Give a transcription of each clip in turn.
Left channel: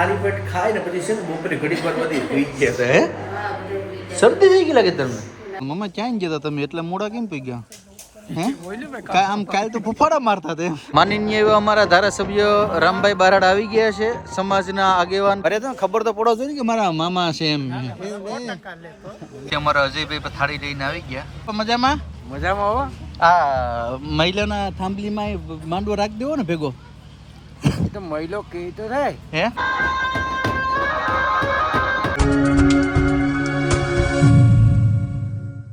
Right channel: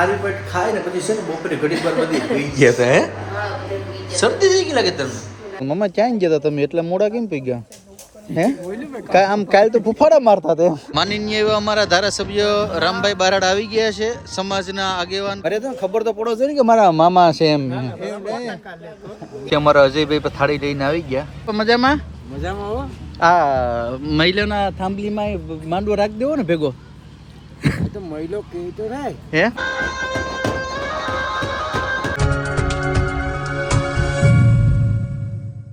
ખાલી પેટ ખાય ને પછી છે ને બપોરે ઘડીક વાર બધી પી ગયા હતા હે. શરદી થઈ ગઈ લાગે તમને? મમ્મા ક્યાં ગયા હતા તમે? એટલા મોડા કેમ પી ગયા? હે? કા આમ કાલ તો ફૂફાડા મારતા હતા માનનીય એવા અમારા ધારાસભ્ય રામભાઈ બારાડ આવી ગયા છે સમાજના આગેવાન. અરે તો ખબર તો પડો જોઈએ ને કે મારા મામા છે એમ. કે અમારા અજયભાઈ પણ થાળી લઈને આવી ગયા. મજામાં? મજામાં હો. મહિલાના થાંભલીમાં માંડવો રાખી દેવો ને ભેગો. તો મહિલો કહી તો થાય હે?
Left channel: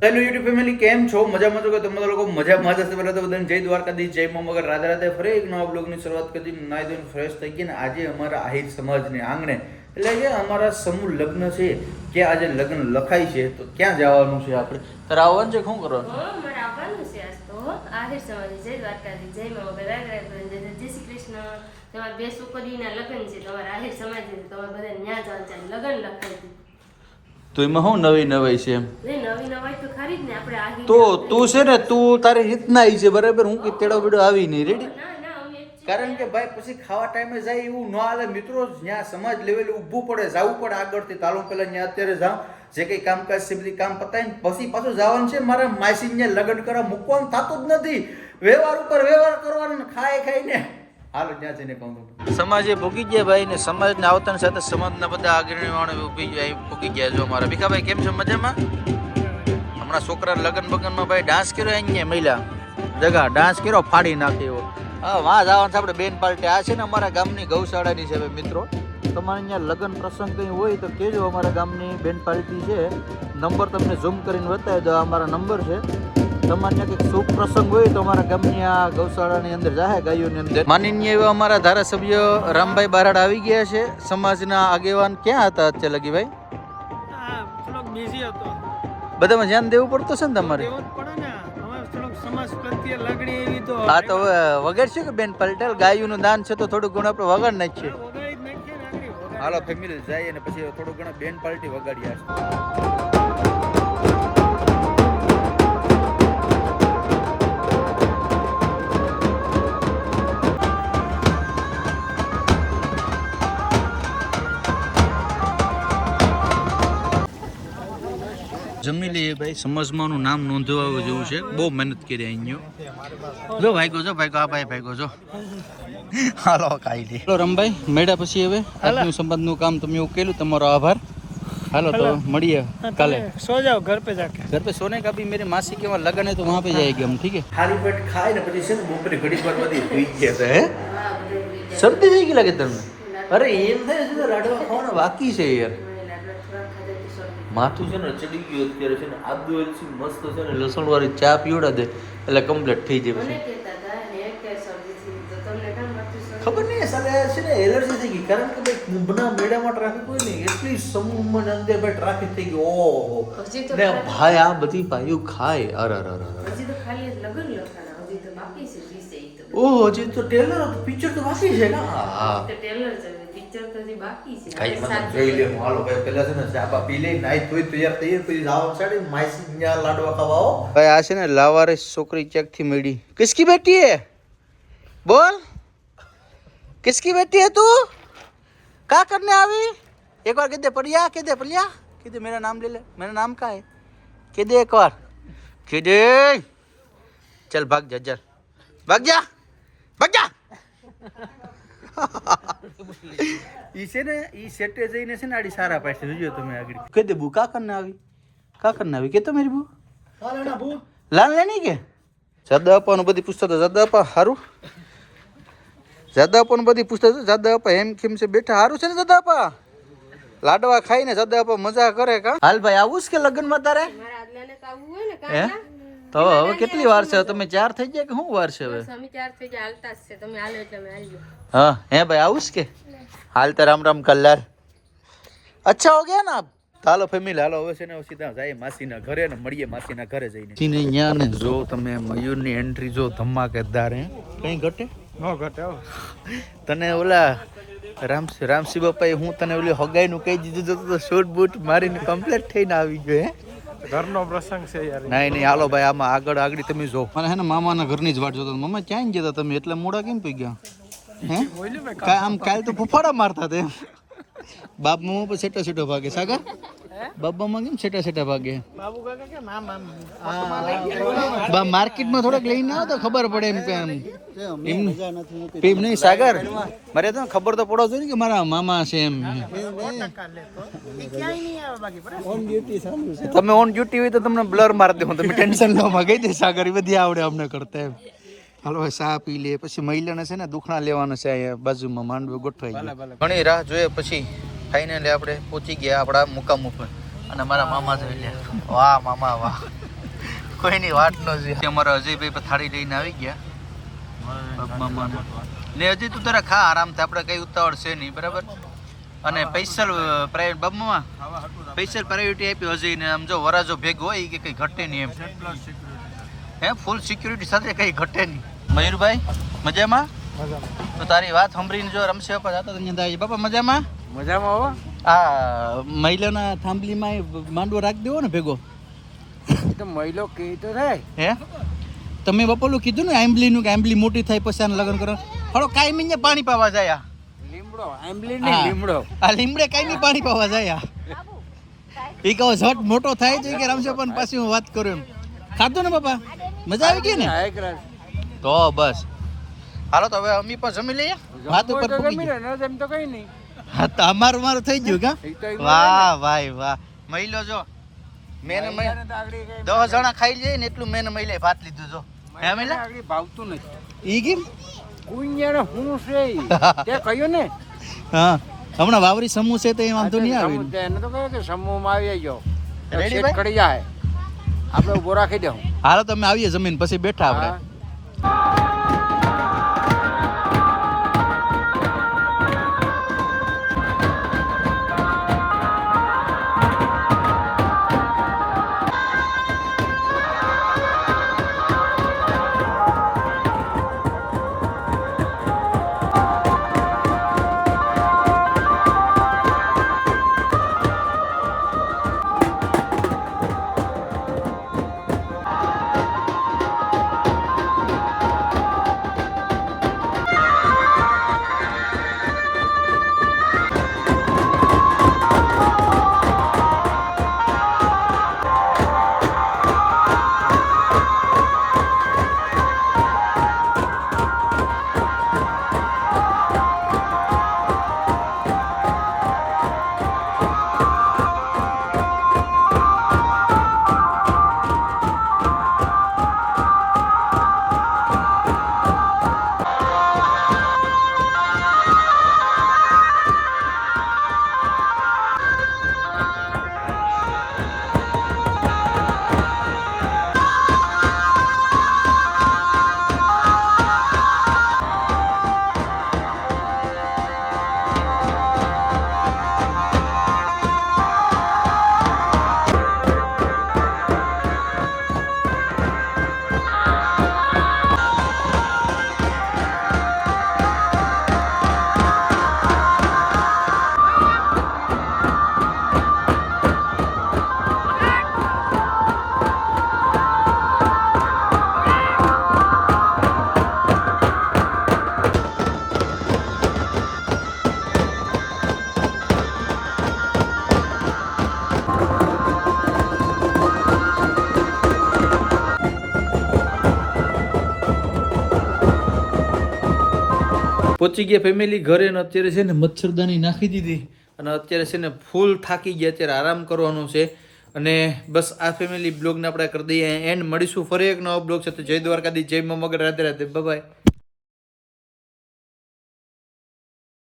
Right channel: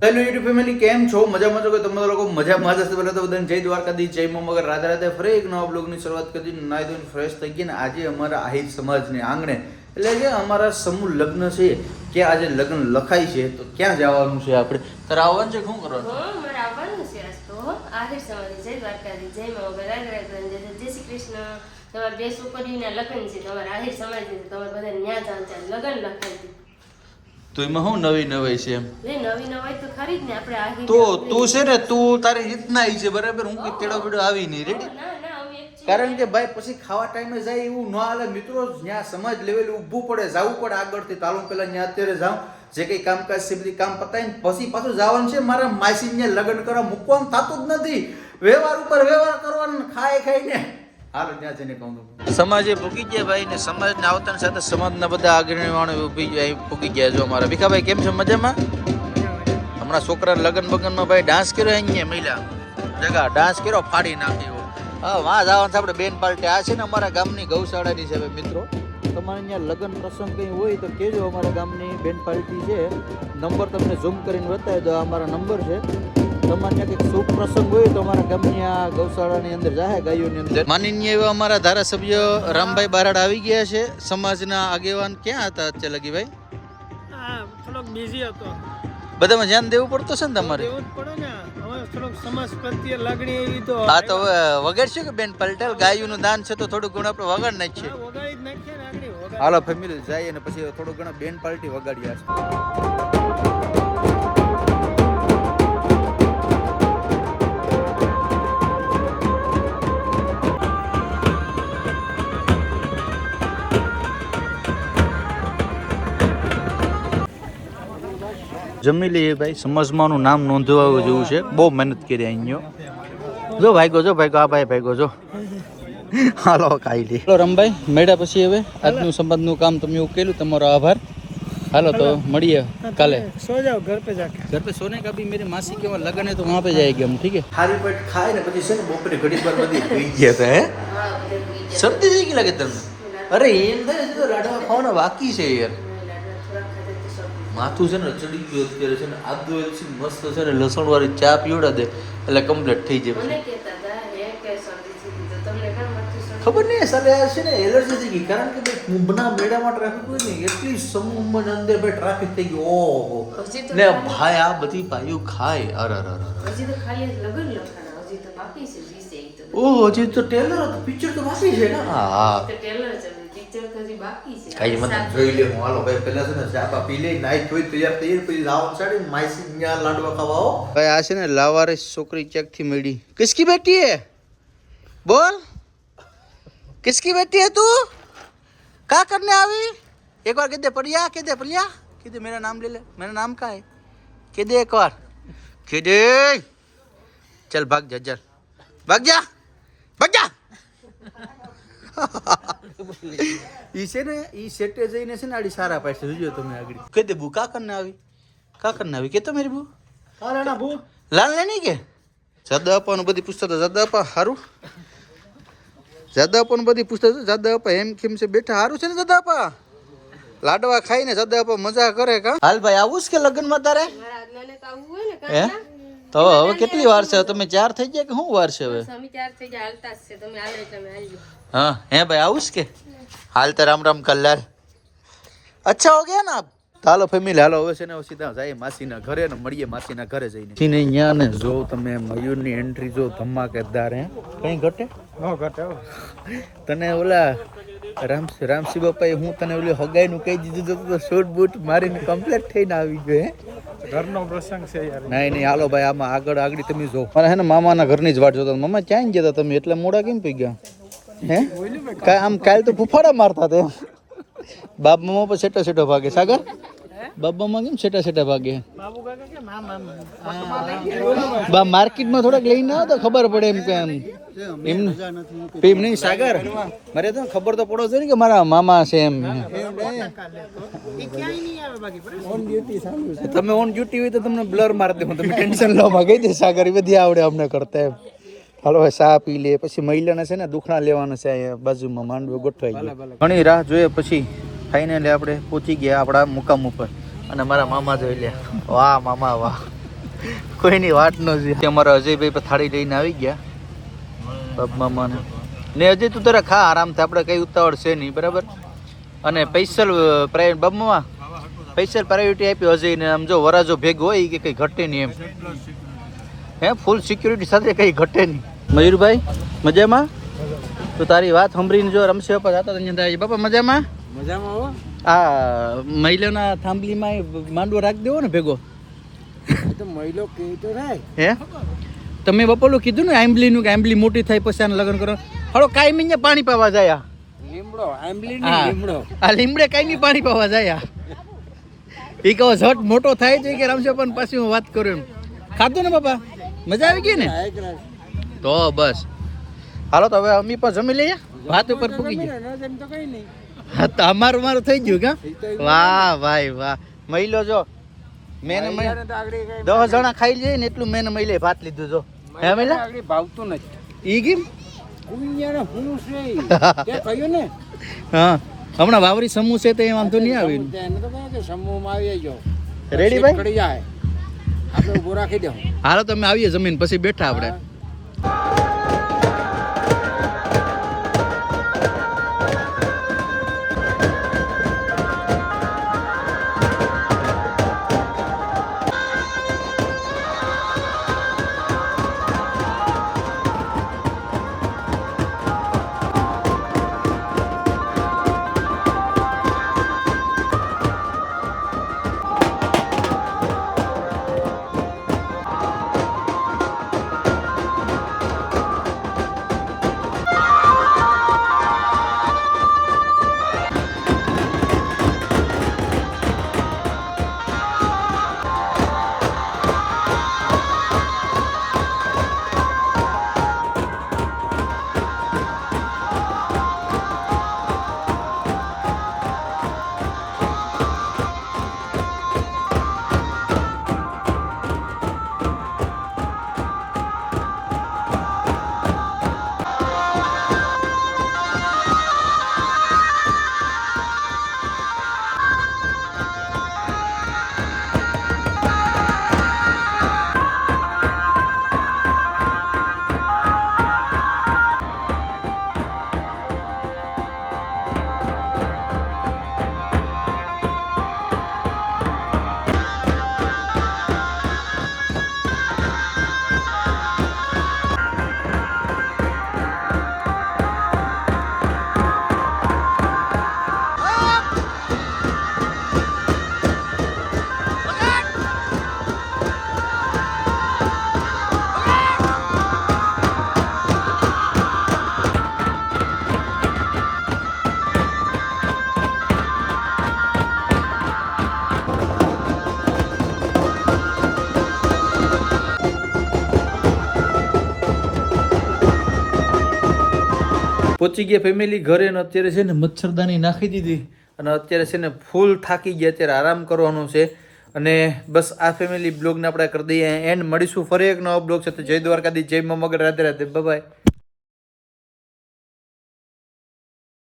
હેલો યુટ્યુબ ફેમિલી કેમ છો? મજામાં છો કે તમે લોકો? મજામાં જ હશે પહેલા તો બધાને જય દ્વારકાધીશ જય મા મગર. રાધે રાધે ફરી એક નવા બ્લોગની શરૂઆત કરી નાઈ ધોઈને ફ્રેશ થઈ ગઈ ને આજે અમારા આહિર સમાજને આંગણે એટલે જે અમારા સમૂહ લગ્ન છે કે આજે લગ્ન લખાય છે તો ક્યાં જવાનું છે આપણે? તારે આવવાનું છે શું કરવાનું? મારે આવવાનું છે આજ તો આહિર સવારે જય દ્વારકાધી જય મા બધા જય શ્રી કૃષ્ણ. તમારે બે છોકરીના લગ્ન છે તમારે આહિર સમાજ છે તમારે બધા ન્યા જવાનું છે લગ્ન લખાય છે. તો એમાં શું નવી નવાઈ છે એમ? એ નવી નવાઈ તો ખરી જ ને આપણે તો તું છે ને તું તારી રીતના આવી છે બરાબર? હું કે તેડો બેડો આવી નહીં રેડી કારણ કે ભાઈ પછી ખાવા ટાઈમે જાય એવું ન હાલે. મિત્રો, જ્યાં સમાજ લેવલે ઊભું પડે, જવું પડે આગળથી. તાલુ પેલા ત્યાં અત્યારે જાઉં, જે કંઈ કામકાજ બધી કામ પતાવીને પછી પાછું જવાનું છે. મારા માસીને લગ્ન કરવા મૂકવાનું થતું જ નથી. વ્યવહાર ઉપર વ્યવહાર કરવાનો ખાઈ ખાઈને. હાલો, ત્યાં જઈને કહું સમાજે ભૂગી ગયા ભાઈ ને સમાજને આવતાની સાથે સમાજના બધા આગેવાનો ઊભી ગયા ભૂગી ગયા જો અમારા ભીખાભાઈ, કેમ છે? મજામાં? હમણાં છોકરા લગ્ન બગનમાં ભાઈ ડાન્સ કર્યો અહીંયા મહિલા જગા ડાન્સ કર્યો, ફાડી નાખે એવો. હા વાં જવાનું છે આપણે બેન પાર્ટી. આ છે ને અમારા ગામની ગૌશાળાની છે મિત્રો. તમારે અહીંયા લગ્ન પ્રસંગ કંઈ હોય તો કહેજો અમારા ગામની બેન પાર્ટી છે. નંબર તમને ઝૂમ કરીને બતાવી દો અમારા નંબર છે. તમારે ત્યાં કંઈક શુભ પ્રસંગ હોય તો અમારા ગામની આ ગૌશાળાની અંદર જાહે ગાયોની અંદર. માનનીય એવા અમારા ધારાસભ્ય રામભાઈ બારાડ આવી ગયા છે. સમાજના આગેવાન ક્યાં હતા અત્યારે લગી ભાઈ હા થોડોક બિઝી હતો. બધામાં ધ્યાન દેવું પડતું છે ને તમારે? દેવું જ પડે ને. થોડોક સમાજ પ્રત્યે લાગણી એવી તો હા તો વગાડશું કે બેન? પલટેલ ગાયોનું દાન છે તો થોડું ઘણું આપણે વગાડ નાખીએ. હાલો ફેમિલી જાય અને પછી થોડું ઘણું બેન પાર્ટી વગાડી જમી લઈએ ભાઈ. સમાજમાંનું નામ નોંધવા જેવું છે. બહુ મહેનત કરી અહીંયો જો ભાઈ જો ભાઈ આ ભાઈ ભાઈ જો. હાલો ખાઈ લે. હાલો રમભાઈ મેળા પછી હવે. આજનું સંબંધનું કામ તમે ઉકેલું તમારો આભાર. હાલો તો મળીએ કાલે. સો જાઓ ઘર પે જાકે. ઘર પે સોને કા ભી મેરી માસી કે વહાં લગન હે તો વહાં પે જાય હમ ઠીક હે? ખાલી પેટ ખાય ને પછી છે ને બપોરે ઘડી પર બધી ભૂઈ ગયા હે? શરદી થઈ ગઈ લાગે તમને અરે એમ થાય લાડવા ખાવાનો બાકી છે યાર. માથું છે ને ચડી ગયું અત્યારે છે ને આદુ એલચી મસ્ત છે ને લસણ વાળી ચા પીવડા દે એટલે કમ્પ્લીટ થઈ જાય? ખબર નહીં સર છે ને એલર્જી થઈ ગઈ કારણ કે ભાઈ કુંભના મેળામાં ટ્રાફિક હોય ને એટલી સમૂહ સમૂહમાં અંદર ભાઈ ટ્રાફિક થઈ ગયો ઓહો. ને ભાઈ આ બધી ભાઈઓ ખાય અર અર અરે હજી તો ખાલી લગન લખાના હજી તો બાકી છે ઓહ હજી તો ટેલર પિક્ચર તો બાકી છે ને? હા. ટેલર છે પિક્ચર તો હજી બાકી છે કઈ મને જોઈ લે હું હાલો ભાઈ પેલા છે ને ચાબા પી લે નાઈ ધોઈ તૈયાર થઈ પછી જાવ સાડી માઈસી ત્યાં લાડવા ખાવા આવો ભાઈ આ છે ને લાવારે છોકરી ચેક થી મળી કિસકી બેટી હે બોલ किसकी बेटी है तू क्या करने આવી एक बार कह दे परिया कह दे परिया कह दे मेरा नाम ले ले मेरा नाम क्या है कह दे एक बार कह दे चल भाग जा चल भाग जा भाग जा ઈ છે ને ઈ સેટે જઈને છે ને આડી સારા પાસે જોજો તમે આગળ કહી દે બુ કા કરને આવી કા કરને આવી કે તો મેરી બુ લાલ લેની કે જાદા અપાનું બધી પૂછતા હતા જાદા અપા હારું જાદા અપાનું બધી પૂછતા હતા જાદા અપા એમ કેમ છે બેઠા હારું છે ને જાદા અપા લાડવા ખાઈને જાદા અપા મજા કરે કા હાલ ભાઈ આવું જ કે લગ્નમાં તારે મારા આજલાને તો આવવું હોય ને હે કાંઈ તો હવે કેટલી વાર છે તમે ચાર થઈ ગયા કે શું વાર છે હવે સ્વામી ચાર થઈ ગયા હાલતા જ છે તમે હાલો એટલે અમે હાલ્યો हाँ हैं भाई आउस के हाल तो राम राम कल्याण अच्छा हो गया ना ચાલો ફેમિલી હાલો હવે છે ને સીધા જાય માસીના ઘરે ને મળીએ માસીના ઘરે જઈને ને અહીંયા ને જો તમે મયુરની એન્ટ્રી જો ધમાકેદાર હે કઈ ઘટે નો ઘટે હો. તને ઓલા રામ રામસી બાપાએ હું તને ઓલી હગાઈનું કહી દીધું હતું તો શૂટ બૂટ મારીને કમ્પ્લીટ થઈને આવી ગયો હે ઘરનો પ્રસંગ છે યાર નહીં નહીં હાલો ભાઈ આમાં આગળ આગળ તમે જો મને હે ને મામાના ઘરની જ વાટ જોતા હતા. મામા ક્યાં ગયા હતા તમે એટલા મોડા કેમ પી ગયા હે? કાંઈ આમ કાલ તો ફૂફાડા મારતા તે બાપ મામા પર સેટા સેટા ભાગે. સાગર? બાપ મામા કેમ સેટા સેટા ભાગે? બા માર્કેટમાં થોડાક લઈને આવો તો ખબર પડે એમ કે એમ એમ નહીં. સાગર મારે તો ખબર તો પડો જોઈએ કે મારા મામા છે એમ. તમે ઓન ડ્યુટી હોય તો તમને બ્લર મારી દઉં તમે ટેન્શન લો માં ગઈ દે સાગર. એ બધી આવડે અમને કરતા એમ. હાલો હવે ચા પી લે પછી મહિલાના છે ને દુખણા લેવાના છે અહીંયા બાજુમાં માંડવો ગોઠવાઈ ગયું. ઘણી રાહ જોઈએ પછી ફાઇનલી આપણે પહોંચી ગયા આપણા મુકામ ઉપર. અને મારા મામા જોઈ લે. વાહ મામા વાહ. કોઈની વાત ન જોઈ અમારા અજયભાઈ પર થાળી લઈને આવી ગયા. મામા ને અજય તું તારા ખા આરામથી આપણે કઈ ઉતાવળ છે નહીં બરાબર? અને પૈસલ મામા પૈસલ પ્રાયોરિટી આપી અજયને. આમ જો વરાજો ભેગ હોય કે કઈ ઘટે નહીં એમ. હે ફૂલ સિક્યુરિટી સાથે કઈ ઘટે નહીં. મયુરભાઈ મજામાં? તો તારી વાત સાંભળીને જો રમશે બાપા જતા અહીંયા બાપા મજામાં? મજામાં હો. આ મહિલાના થાંભલીમાં એ માંડવો રાખી દેવો ને ભેગો? તો મહિલો તો થાય. હે? તમે બપોલું કીધું ને આંબલીનું કે આંબલી મોટી થાય પછી એને લગ્ન કરો. હળો કાયમી ને પાણી પાવા જાય લીમડો આંબલી ને નહીં લીમડો. આ લીમડે કાયમી પાણી પાવા જાય એ કહો ઝટ મોટો થાય છે કે રમશે પણ પછી હું વાત કરું એમ. ખાતો ને બાપા? મજા આવી ગઈ ને? તો બસ. હાલો તો હવે અમી પણ જમી લઈએ. વાત ઉપર જમી લે, તો કઈ નહીં. તો અમારું મારું થઈ ગયું કા? વાહ ભાઈ વાહ મહિલો જો મેને દસ જણા ખાઈ જાય ને એટલું મેને મહિલે ભાત લીધું જો. હે મહિલા? ભાવતું નથી. ઈ કેમ? કુંજણ હું છે તે કહ્યું ને? હા. હમણાં વાવરી સમૂહ છે તો વાંધો નહીં આવે એને તો કહ્યું કે સમૂહમાં આવી જાય Ready સીટ જાય આપણે ઊભો રાખી દઉં હાલો તમે આવીએ જમીન પછી બેઠા આપણે. પહોંચી ગયા ફેમિલી ઘરે ને અત્યારે છે ને મચ્છરદાની નાખી દીધી અને અત્યારે છે ને ફૂલ થાકી ગયા, અત્યારે આરામ કરવાનો છે. અને બસ આ ફેમિલી બ્લોગને આપણે કરી દઈએ. એન્ડ મળીશું ફરી એક નવો બ્લોગ તો જય દ્વારકાધી જય મગર રાધે રાધે. બાય